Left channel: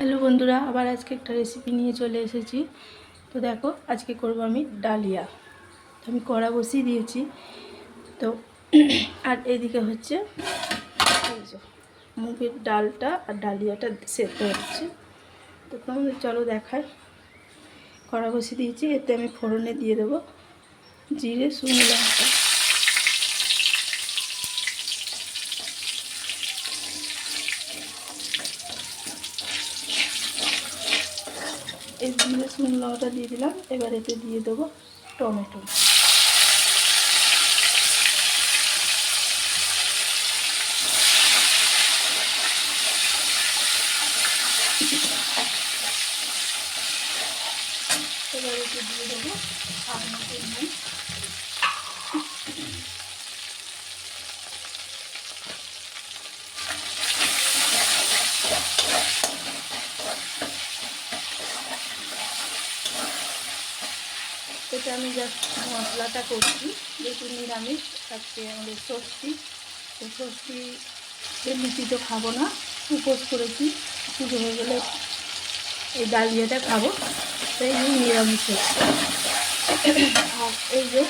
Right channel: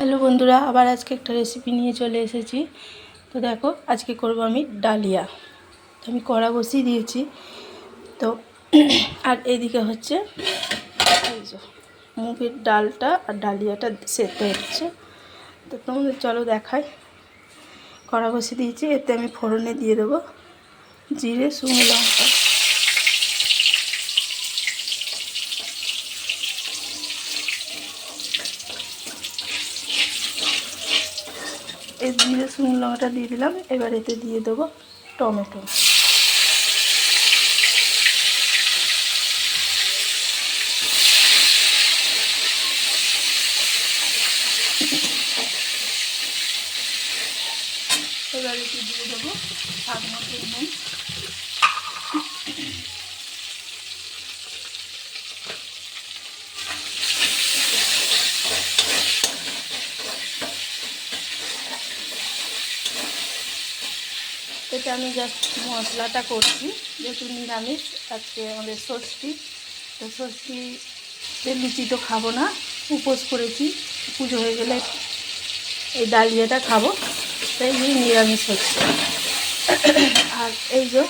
Hello বন্ধুরা, আবার আজকে একটা রেসিপি নিয়ে চলে এসেছি। তো দেখো, আজকে করব আমি ডালিয়া। তো আমি কড়া বসিয়ে দিয়েছি। তো আর এইদিকে হচ্ছে এই যে মুগের ডালটা আর ডালিয়াটা সেদ্ধ হচ্ছে। তো তোমাদের চলো দেখাই। কড়া বসিয়ে দিয়েছি, এতে আমি ফোড়নে দিয়ে দেবো জিরে, শুকনো লঙ্কা। এই জিরে শুকনো লঙ্কাটা দিয়ে দিলাম। এবার এতে দিয়ে দেবো টমেটো। এবার এতে দিয়ে দেবো স্বাদ মতো নুন। এটা আমি জাস্ট মশলাটা করছি, যেহেতু নিরামিষ আজকে আমাদের ষষ্ঠী। তো ষষ্ঠীতে লুচি তো খাবো না, উপোস করেছি। পুজো হয়ে গেলে এই ডালিয়াটা খাবো, তাই নিরামিষ হচ্ছে। আর এই যে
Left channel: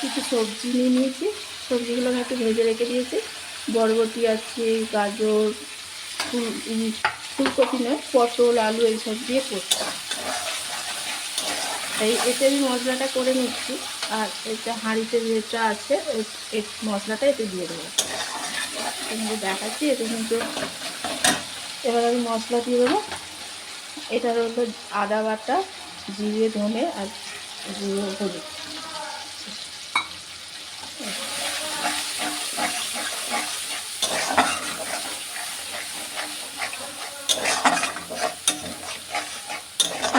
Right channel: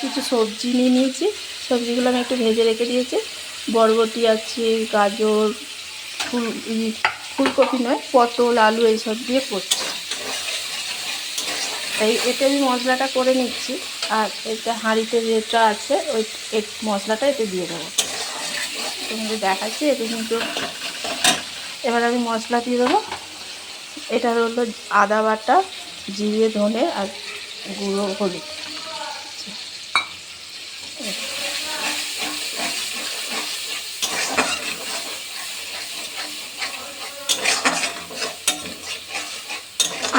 কিছু সবজি নিয়ে নিয়েছি, সবজিগুলো আমি একটু ভেজে রেখে দিয়েছি। বরবটি আছে, গাজর, ফুলকপি নয়, পটল, আলু এইসব দিয়ে করছি। তাই এতে আমি মশলাটা করে নিচ্ছি। আর এটা হাঁড়িতে যেটা আছে ওই মশলাটা এতে দিয়ে দেবো। তোমাকে দেখাচ্ছি। এতে কিন্তু এবার আমি মশলা দিয়ে দেবো। এটা হলো আদা বাটা, জিরে, ধনে আর গুঁড়ো হলুদ।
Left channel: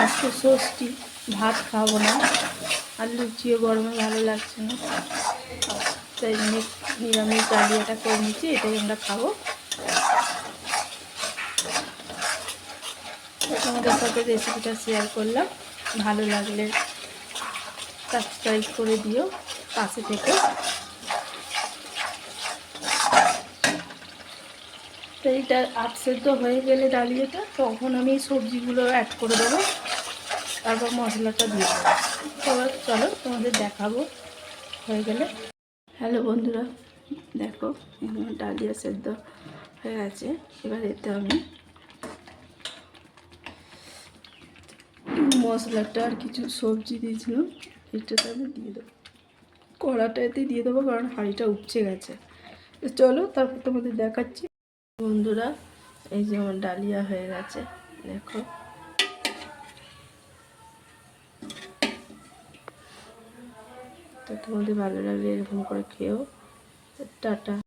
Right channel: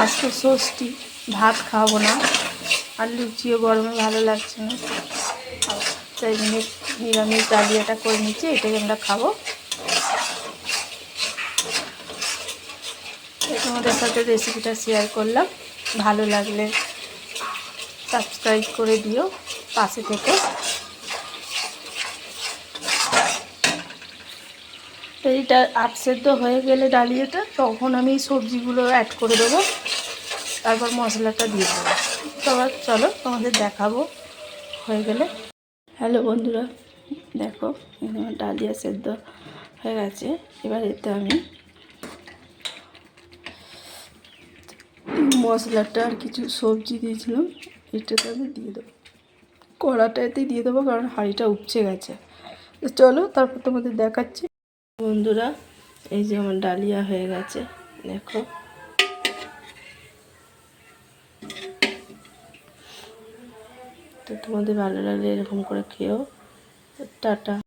আজকে ষষ্ঠী, ভাত খাবো না, আর লুচিও গরমে ভালো লাগছে না, তাই নিরামিষ ডালিয়াটা করে নিচ্ছি। এটাই আমরা খাবো। তোমাদের সাথে রেসিপিটা শেয়ার করলাম। ভালো লাগলে সাবস্ক্রাইব করে দিও, পাশে থেকে। তো এইটা সেদ্ধ হয়ে গেলে ডালিয়াটা, তখন আমি সবজিগুলো অ্যাড করে দেবো, তারপর মশলাটা দিয়ে দেবো। সবার চলো তোমাদের দেখাবো হয়ে গেলে। হ্যালো বন্ধুরা, দেখো আমার ডালিয়া সেদ্ধ হয়ে গেছে। এবার এতে আমি মশলাটা আর কিছু সবজি দিয়েছিলাম, এটাতে আমি দিয়ে দেবো। কড়াটাতে দিয়ে দেবো, কারণ হাঁড়িটা উপচে গেছে। তো চলো তারপর তোমাদের দেখাচ্ছি। বন্ধুরা, এই যে আমার ডালিয়া হয়ে গেছে, দেখো। তো তোমাদের ভালো লাগলে এরকম করে খেও। টাটা।